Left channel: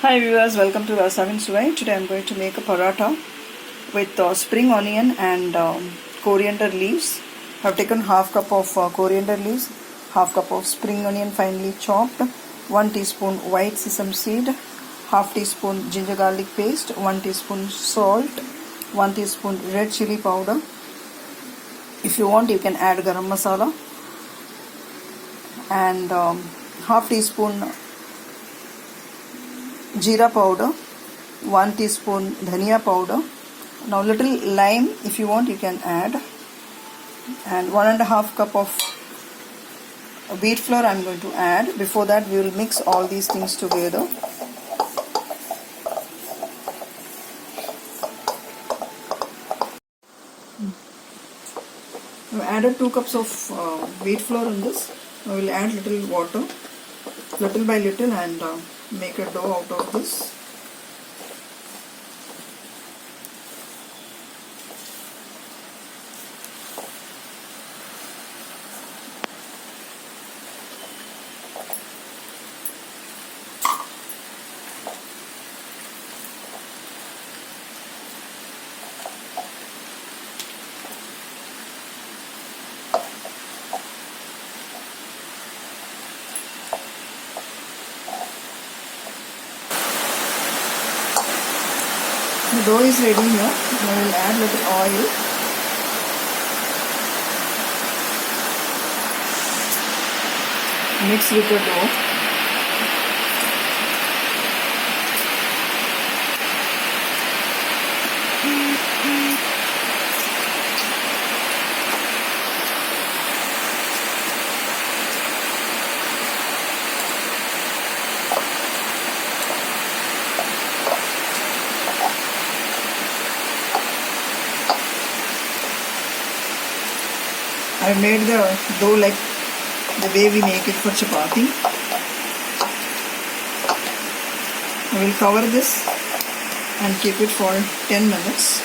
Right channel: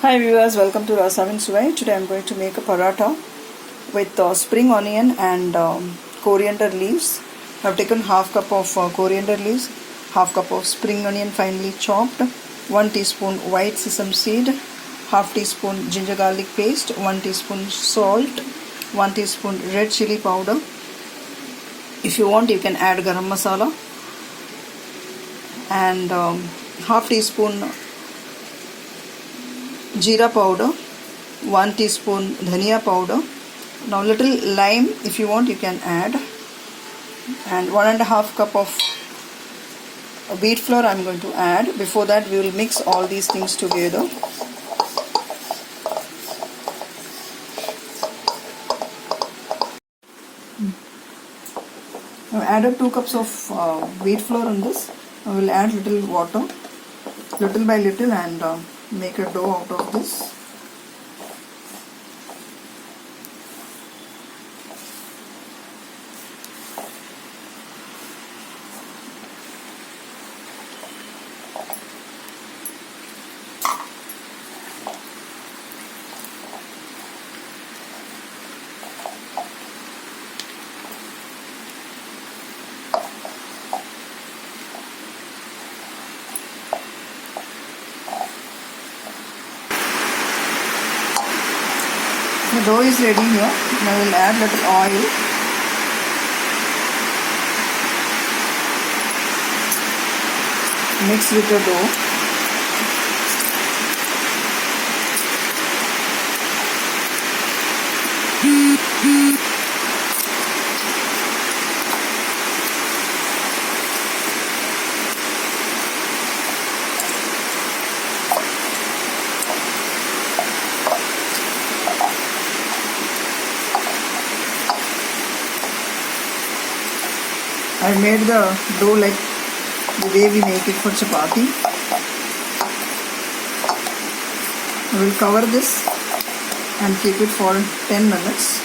Hi viewers, welcome to Rasavinsuvai. Today I am going to make a paratha with spring onion and coriander leaves. I have taken half cup of coriander leaves, half cup of spring onion finely chopped, 1 teaspoon white sesame seed, half teaspoon ginger garlic paste, 1 teaspoon salt, 1 teaspoon red chilli powder. If you want, you can add garam masala and half teaspoon Jeera powder, 1 teaspoon Dhania powder. Now little lime, if you want, you can add, and 1.5 cup of wheat flour I am going to add. Before that, we will mix all these things together. I have added 2 cups of wheat flour in this. I will add little water, little by little, and make a dough out of this. The dough is ready here. I will add little oil. Mix with the dough. I made the dough like the way we make it for chapati. I will cover this and keep it for 10 minutes.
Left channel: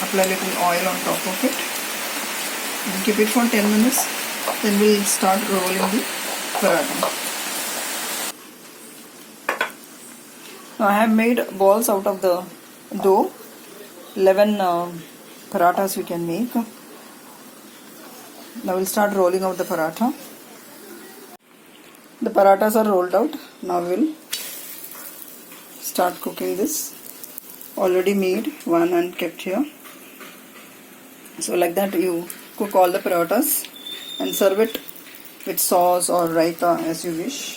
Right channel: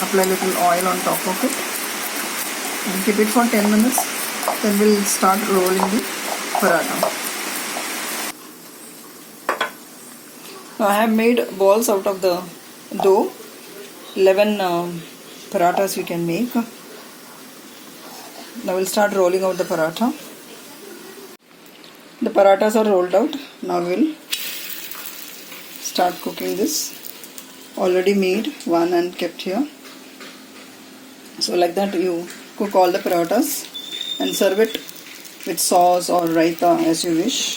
Apply little oil on top of it and keep it for 10 minutes. Then we'll start rolling the paratha. Now I have made balls out of the dough. 11 parathas you can make. Now we'll start rolling out the paratha. The parathas are rolled out. Now we'll start cooking this. Already made one and kept here. So like that you cook all the parathas and serve it with sauce or raita as you wish.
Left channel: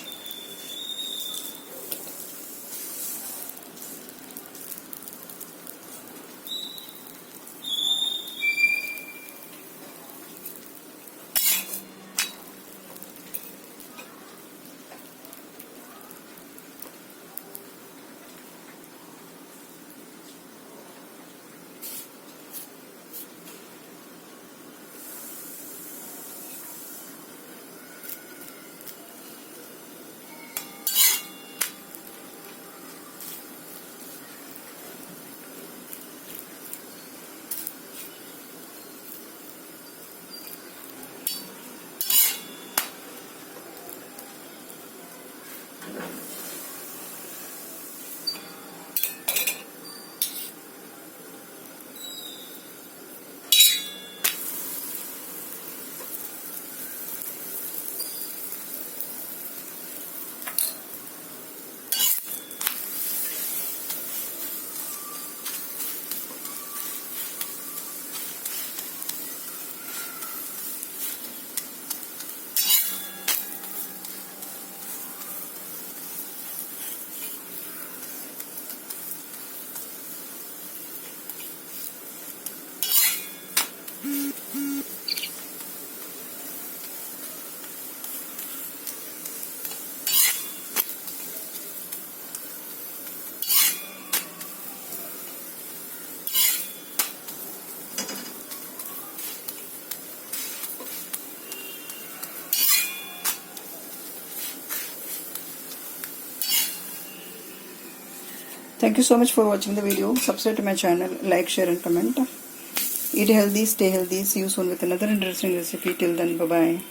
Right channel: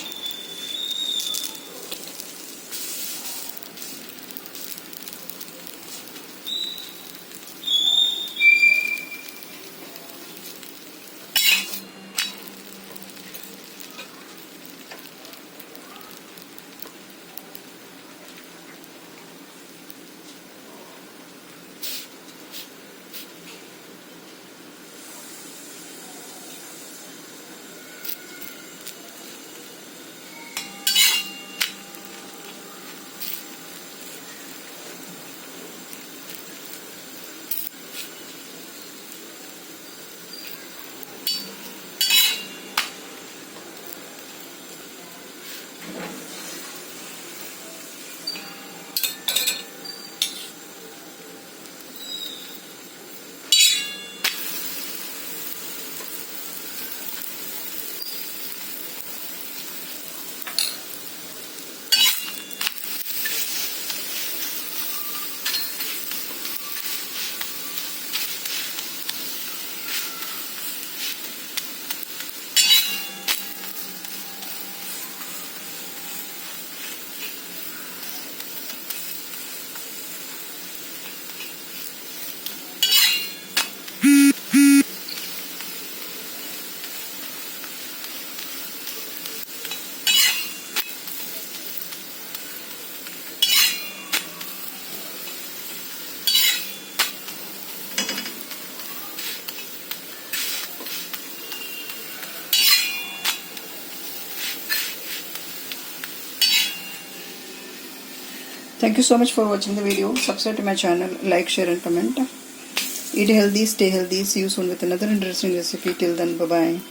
Thank you so much for watching the video. Subscribe to my channel, like, share and comment. Eat healthy, stay healthy. See you soon with another interesting recipe. Till then, bye bye.